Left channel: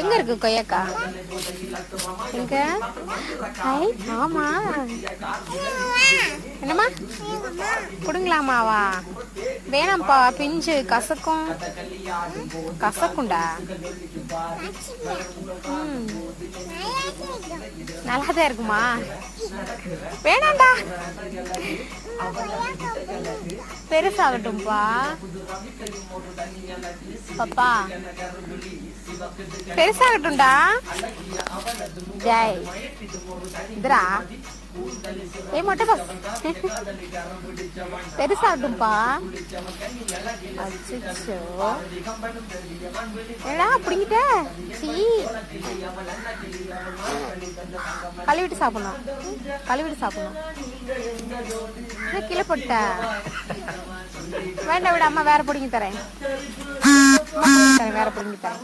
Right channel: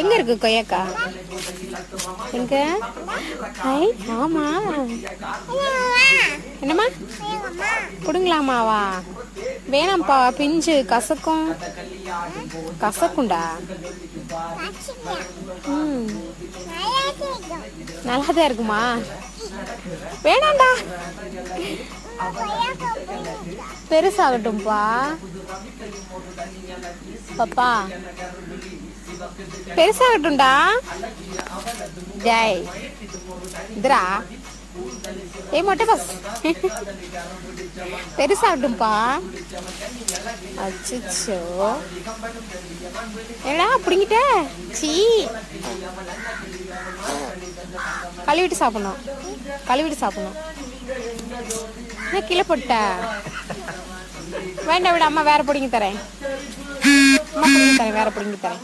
எங்க இருக்கு கொய்யாக்கா? எங்க? ஆமா. என்னம்மா கொடுங்களாமாவா? வேணாம்ப்பா, பிஞ்சு கசக்கும். கசக்குண்டா? நல்லாதான் இருக்குமா? வேணாண்டா, பெருசாகட்டும்பா. பாப்பா பெருசாகட்டும்டா. ஜெய் இதுரா ஏ மொட்டை பஸ் பெருசாகட்டும்பா. அச்சோ ஏடா பிடிங்கிட்ட. சீ, கழுவிட்டு சாப்பிடணும், கழுவிட்டு சாப்பிடணும். ஏன் கீழே போட்டா? வேண்டாம் விட, அம்மா வேற பிடிங்கி தரேன். அம்மா பிடிங்கி தரேன், வேற பிடிங்கி தரேன்.